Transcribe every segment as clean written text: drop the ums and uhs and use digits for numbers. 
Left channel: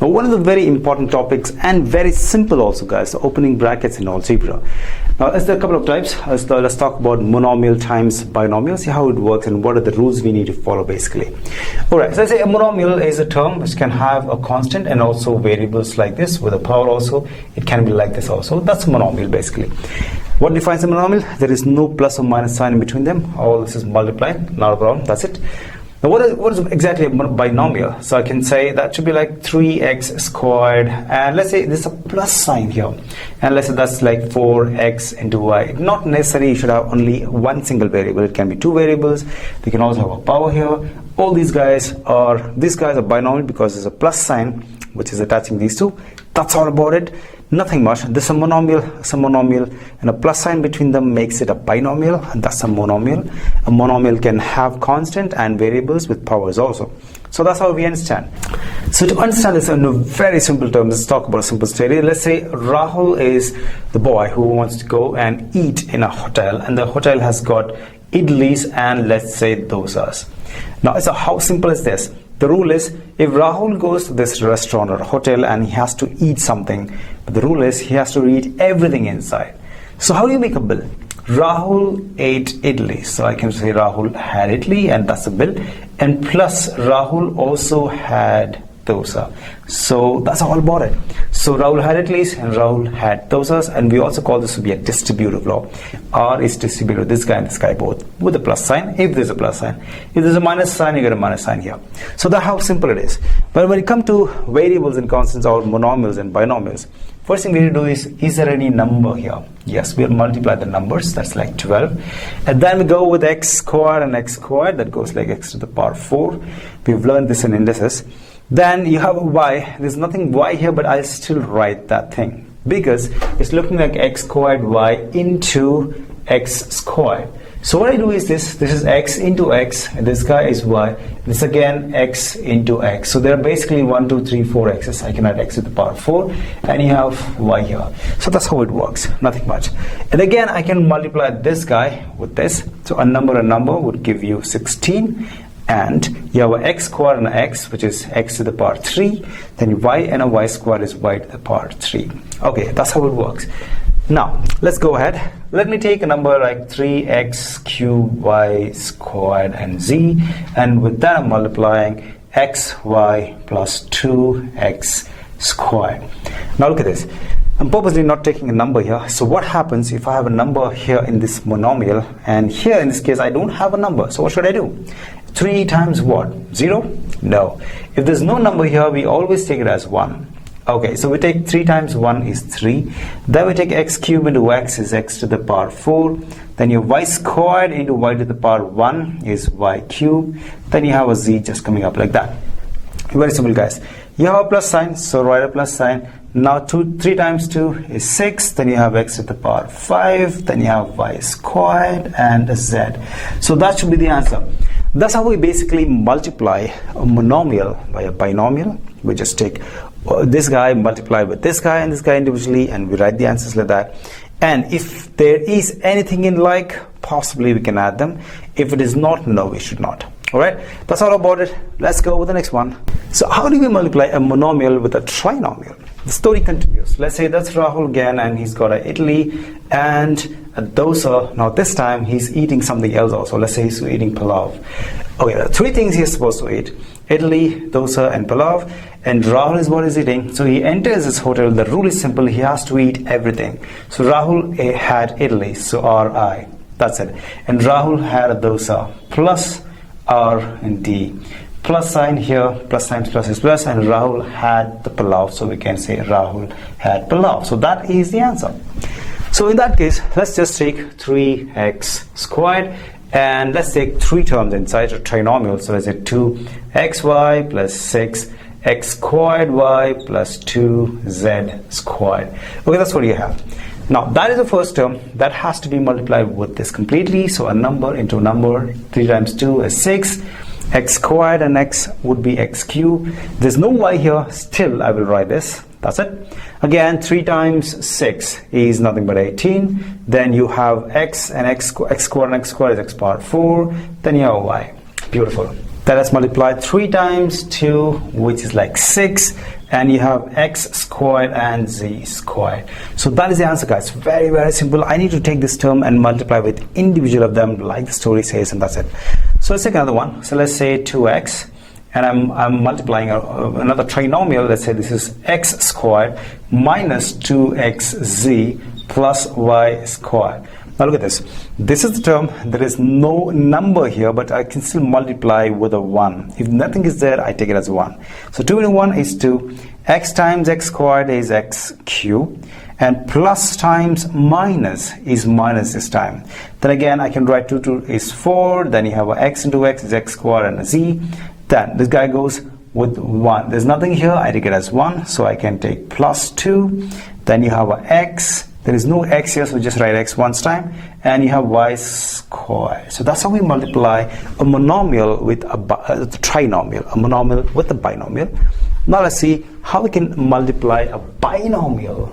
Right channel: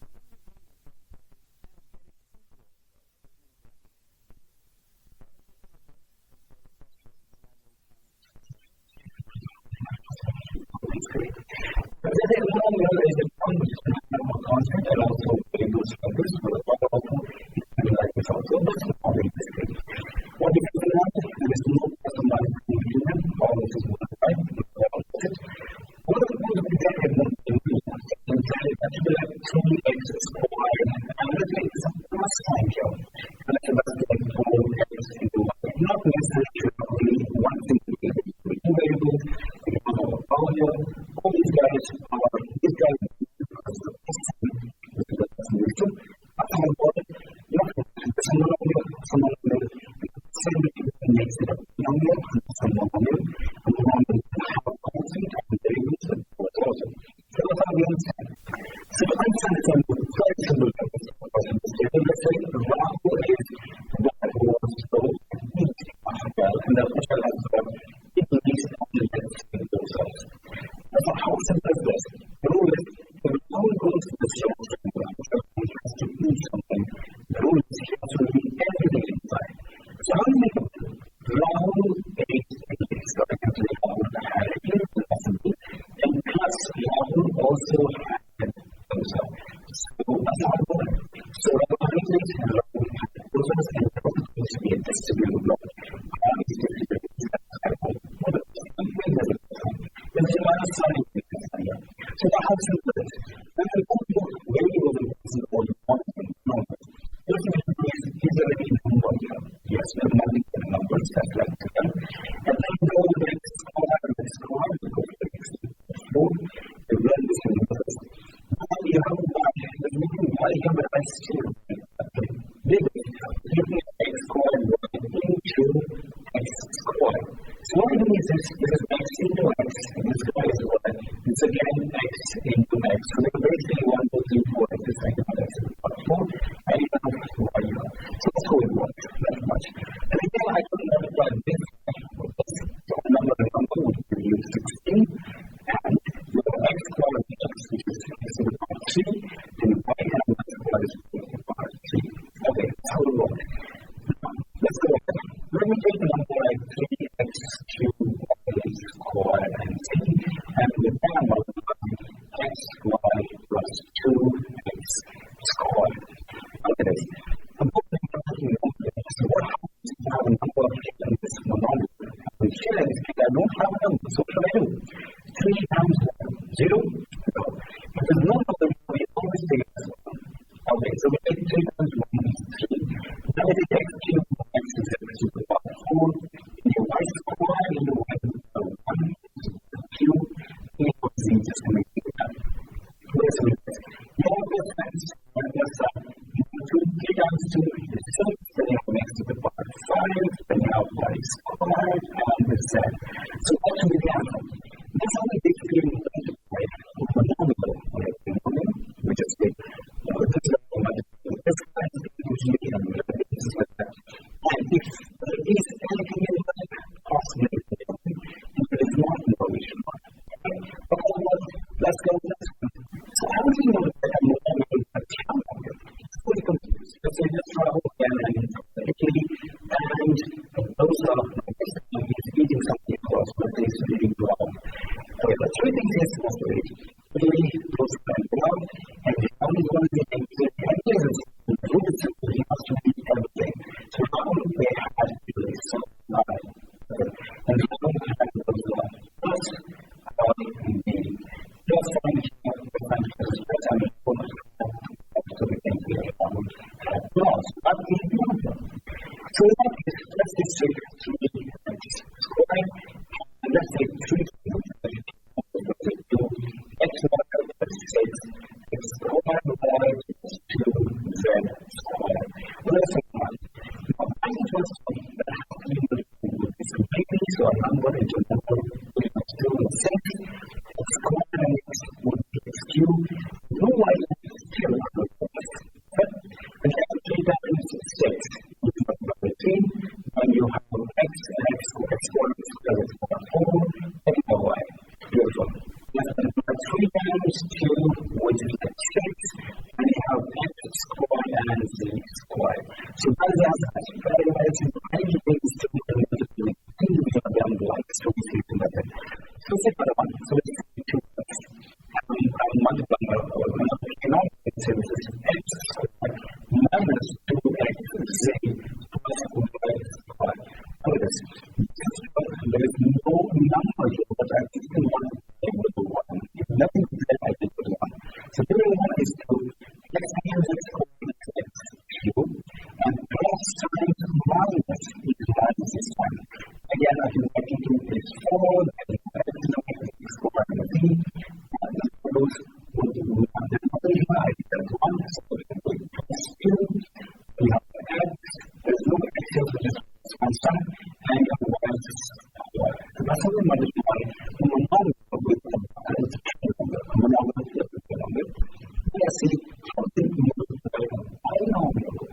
Now, one of the very important topics and very simple also, guys, the opening brackets in algebra. Now, there are a couple of types. Let's talk about monomial times binomial, see how it works and what are the rules we need to follow basically. Alright, so let's say a monomial is a term which can have a constant and also variables like this with a power also. It can be like this also. That's a monomial basically. What defines a monomial? There is no plus or minus sign in between them. All this is multiplied, not a problem, that's it. Now, what is exactly a binomial? So I can say that should be like 3x squared, and let's say there's a plus sign here, and let's say that's like 4x into y. Not necessarily you should have only one single variable. It can be two variables. They can also have a power here. All these guys are binomial because there's a plus sign which is attaching these two. That's all about it. Nothing much. This is a monomial, and a plus sign between them makes it a binomial, and that's a monomial. A monomial can have constant and variables with powers also. So that's how we understand. So to understand this in very simple terms, let's talk about a simple story. Let's say Rahul is the boy who wants to go and eat in a hotel, and the hotel has got idlis and let's say dosas. Now, so how simple is this? The rule is, if Rahul goes to this restaurant or hotel and he has to eat something, the rule is he has to eat everything inside. So how do you make a bill? Rahul ate idli. So I can say Rahul had idli, and that's a bill. And plus Rahul also had dosa. So that's all about it. So Rahul had idlis and Rahul had dosas, and we also call this to be a distributive law. R is distributive, this guy and this guy both, with a plus sign if there's a plus sign. If there's a minus sign, you get a minus sign here. So that's how simple it is. But when it comes to variables and constants or monomials and binomials, first thing we need to do is there any number here? Yes, we'll multiply the numbers, that's like 12. And then we go with x squared and x squared, that goes like x to the power 4. We've learned this in indices. Then you have a y. There's nothing y here, but I'll still write that thing because it's looking like x squared y into x squared. So what I do is this is x into x, and this guy is y, this again x into x. So there are basically 1, 2, 3, 4 x's. I can add x to the power 4, and you have y here. So that's how it works, nothing much. And again, I can multiply this guy with this. So a number would give you 16. And you have a x squared and an x, which is x to the power 3. Then y and a y squared is y to the power 3. Okay, that's how it works. Now, let's go ahead. Let me take a number like 3x cubed y squared and z. And with that, I'm multiplying x, y plus 2x squared. Now look at this. I'm purposely not taking a number here. So what happens if I have a number here in this monomial, and here in this case I don't have a number? So what should I do? 3 times what? 0? No. If there's no number here, we always take it as 1. Okay, so we take 3 times 1 is 3. Then we take x cubed into x is x to the power 4. Then your y squared into y to the power 1 is y cubed. Then you have a z just coming up like that. Very simple, guys. You have a plus sign, so write a plus sign. Now 3 times 2 is 6. Then you have x to the power 5. Then you have y squared and a z. So that should be the answer. That's how we basically multiply a monomial by a binomial. We just take this guy, multiply with this guy and this guy individually, and we write the answers like that. And if there is anything in like, possibly we can add them. If it is not, no, we should not. Alright, that's all about it. Let's go with the next one. So how do we multiply a monomial with a trinomial? The story continues. Let's say that's Rahul again, and he's got a idli and a dosa. Now this time he's eating something else also. Let's say he's eating palav. Okay, there are 3 things he's supposed to eat: idli, dosa and palav. And Rahul is what he's eating. So he enters his hotel. The rule is simple. He has to eat everything. So Rahul had idli, so R-I. That's it. And Rahul had a dosa, plus R and D. Plus sign here, plus times plus is plus, and Rahul had the palav, so we can say Rahul had palav. So that is the answer. So in that case, let's just take 3x squared, and let's take 3 terms inside a trinomial. So let's say 2xy plus 6x squared y plus 2z squared. Okay, that's what you have. Now that is the first term that has to be multiplied with this completely. So a number into a number, 3 times 2 is 6. X squared and x would be x cubed. There's no y here, still I will write this. That's it. Again, 3 times 6 is nothing but 18. Then you have x and x squared and x squared is x power 4. Then you have y. Beautiful. Then let's multiply 3 times 2, which is like 6, and you have x squared and z squared. So that is the answer, guys. Very, very simple. I need to take this term and multiply with individual of them like the story says, and that's it. So let's take another one. So let's say 2x, and I'm multiplying another trinomial. Let's say this is x squared minus 2xz plus y squared. Now look at this. This is the term. There is no number here, but I can still multiply with a 1. If nothing is there, I take it as 1. So 2 into 1 is 2. X times x squared is x cubed. And plus times minus is minus this time. Then again, I can write 2 is 4. Then you have a x into x is x squared and a z. Then this guy goes with 1. There's nothing here. I take it as 1. So I can take plus 2. Then you have a x. There is no x here, so just write x once time, and you have y squared. So that's how we multiply a monomial with a trinomial, a monomial with a binomial. Now let's see how we can multiply a binomial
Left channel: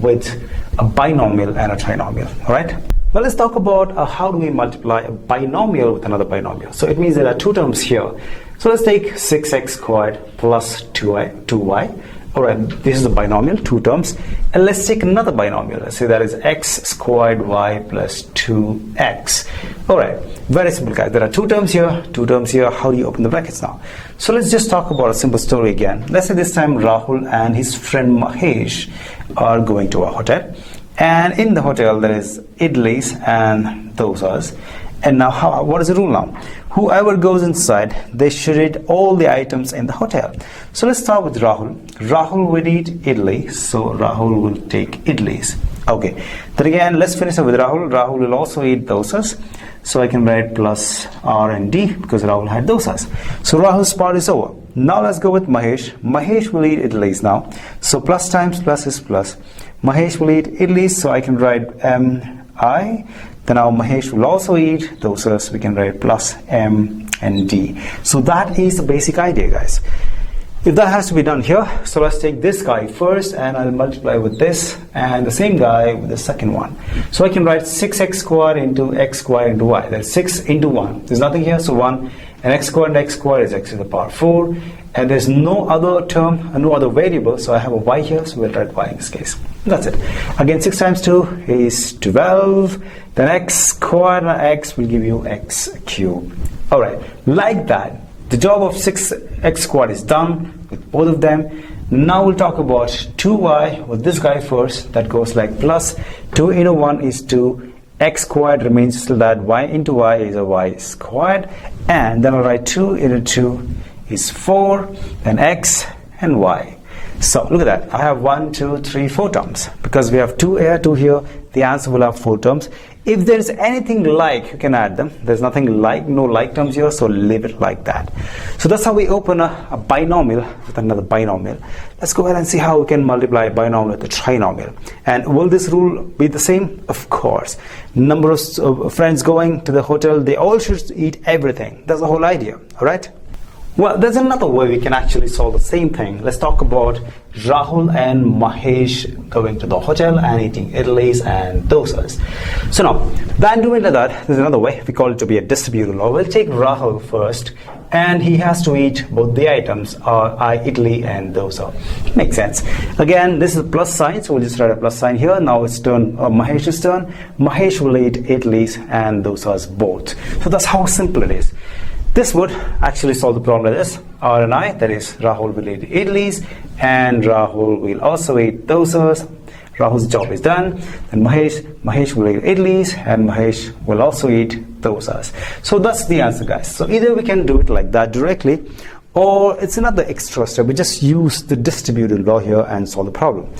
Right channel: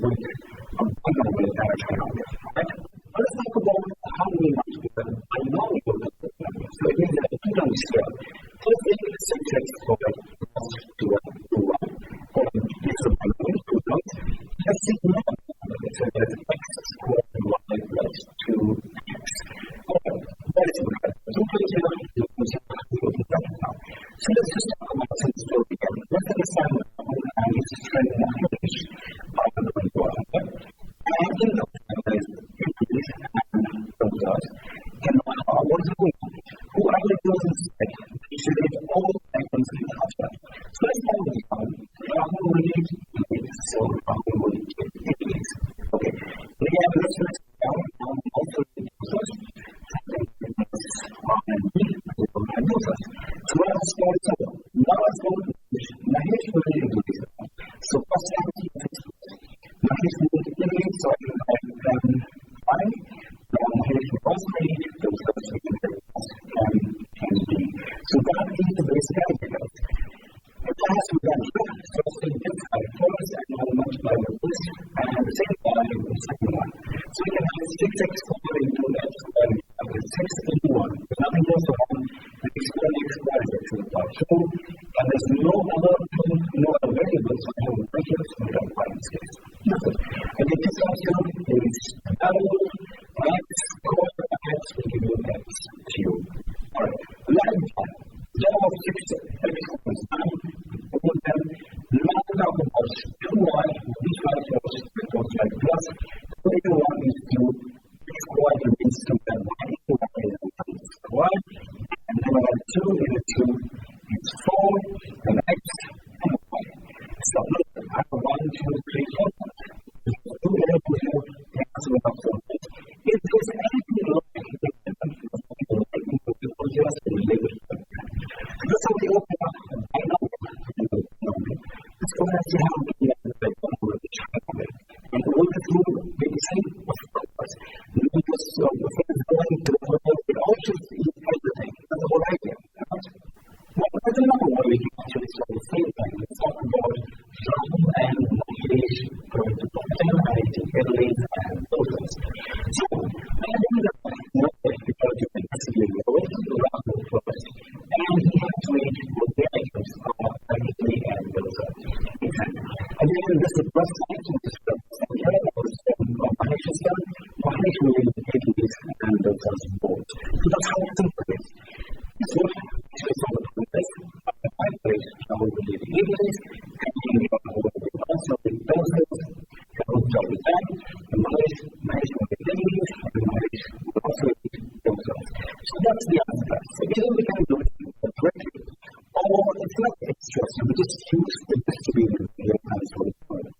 with a binomial and a trinomial. All right. Well, let's talk about how do we multiply a binomial with another binomial. So it means there are 2 terms here. So let's take 6x squared plus 2y. Alright, this is a binomial, 2 terms. And let's take another binomial. Let's say that is x squared y plus 2x. Alright, very simple, guys. There are 2 terms here, 2 terms here. How do you open the brackets now? So let's just talk about a simple story again. Let's say this time Rahul and his friend Mahesh are going to a hotel. And in the hotel there is idlis and dosas. And now what is the rule now? Whoever goes inside, they should eat all the items in the hotel. So let's start with Rahul. Rahul will eat idli, so Rahul will take idlis. Okay, then again, let's finish up with Rahul. Rahul will also eat dosas. So I can write plus R and D because Rahul had dosas. So Rahul's part is over. Now let's go with Mahesh. Mahesh will eat idlis now. So plus times plus is plus. Mahesh will eat idlis, so I can write M-I. Then now Mahesh will also eat dosas. We can write plus M and D. So that is the basic idea, guys. If that has to be done here, so let's take this guy first and I'll multiply with this and the same guy with the second one. So I can write 6x squared into x squared into y. That's 6 into 1. There's nothing here, so 1. And x squared is x to the power 4. And there's no other term, no other variable, so I have a y here, so we'll write y in this case. That's it. Again, 6 times 2 is 12. Then x squared and x will give you x cubed. Alright, like that. The job of 6x squared is done with both of them. Now we'll talk about 2y with this guy first. That goes like plus 2 into 1 is 2. X squared remains still that. Y into y is a y squared. And then I'll write 2 into 2 is 4. Then x and y. So look at that. I have 1, 2, 3, 4 terms. Because we have 2 here, 2 here, the answer will have 4 terms. If there's anything like, you can add them. There's nothing like, no like terms here, so leave it like that. So that's how we open a binomial with another binomial. Let's go ahead and see how we can multiply a binomial with a trinomial. And will this rule be the same? Of course. Number of friends going to the hotel, they all should eat everything. That's the whole idea, all right? Well, there's another way we can actually solve the same thing. Let's talk about Rahul and Mahesh going to the hotel and eating idlis and dosas. So now, than doing that, there's another way. We call it to be a distributive law. We'll take Rahul first, and he has to eat both the items, idli and dosa. Makes sense. Again, this is a plus sign, so we'll just write a plus sign here. Now it's Mahesh's turn. Mahesh will eat idlis and dosas both. So that's how simple it is. This would actually solve the problem like this. R and I, that is Rahul will eat idlis and Rahul will also eat dosas. Rahul's job is done. Then Mahesh will eat idlis and Mahesh will also eat dosas. So that's the answer, guys. So either we can do it like that directly, or it's another extra step. We just use the distributive law here and solve the problem.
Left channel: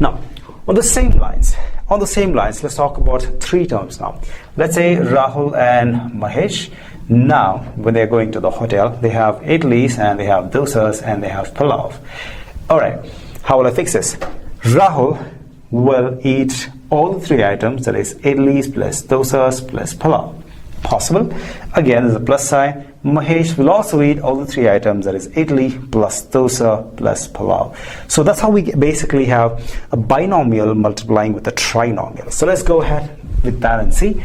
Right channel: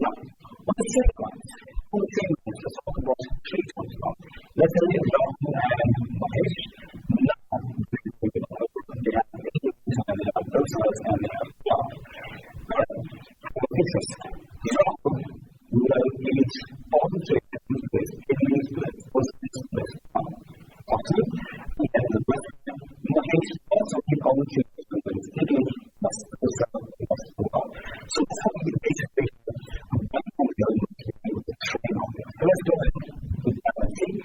Now, on the same lines, let's talk about 3 terms now. Let's say Rahul and Mahesh. Now, when they're going to the hotel, they have idlis and they have dosas and they have pulav. Alright, how will I fix this? Rahul will eat all the 3 items, that is idlis plus dosas plus pulav. Possible. Again, there's a plus sign. Mahesh will also eat all the 3 items, that is idli plus dosa plus pulav. So that's how we basically have a binomial multiplying with a trinomial. So let's go ahead with that and see.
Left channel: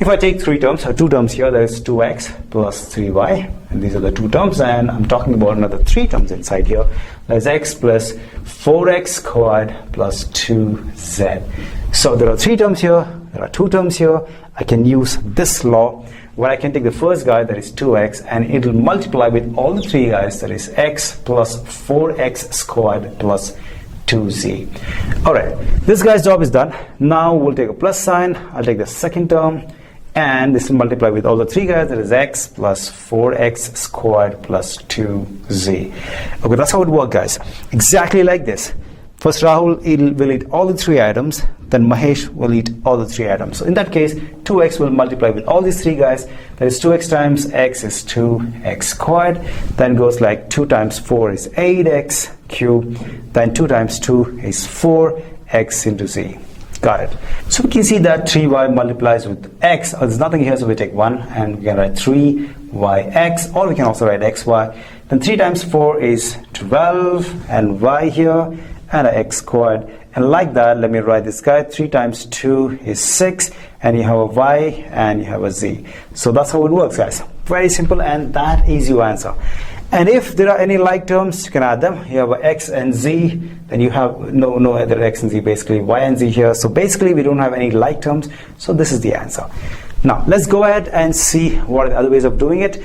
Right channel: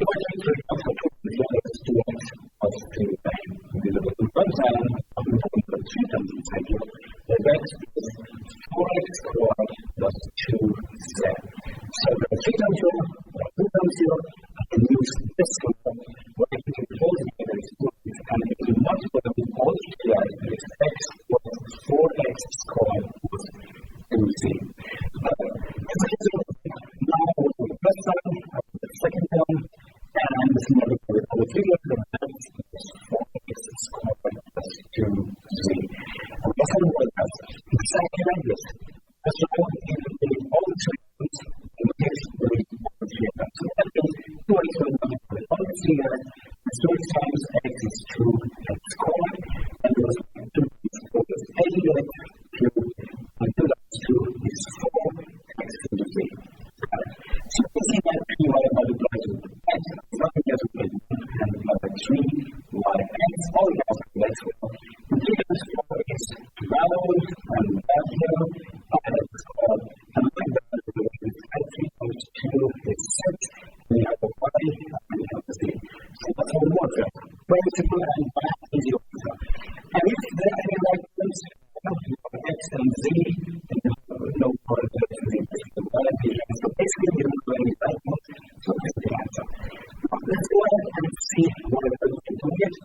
If I take three terms, or two terms here, there is 2x plus 3y, and these are the two terms, and I'm talking about another three terms inside here. There's x plus 4x squared plus 2z. So there are three terms here, there are two terms here. I can use this law where I can take the first guy, that is 2x, and it will multiply with all the three guys, that is x plus 4x squared plus 2z. Alright, this guy's job is done. Now we'll take a plus sign. I'll take the second term, and this will multiply with all the three guys, that is x plus 4x squared plus 2z. Okay, that's how it works, guys. Exactly like this. First Rahul will eat all the three items, then Mahesh will eat all the three items. So in that case, 2x will multiply with all these three guys. That is 2x times x is 2x squared. Then goes like 2 times 4 is 8x cubed. Then 2 times 2 is 4x into z. Got it. So we can see that 3y multiplies with x. There's nothing here, so we take 1 and we can write 3yx, or we can also write xy. Then 3 times 4 is 12 and y here, and a x squared. And like that, let me write this guy. 3 times 2 is 6, and you have a y and you have a z. So that's how it works, guys. Very simple, and that is your answer. And if there are any like terms, you can add them. You have a x and z, then you have no other x and z, basically y and z here. So basically we don't have any like terms, so this is the answer. Now let's go ahead and see what are the other ways of doing it.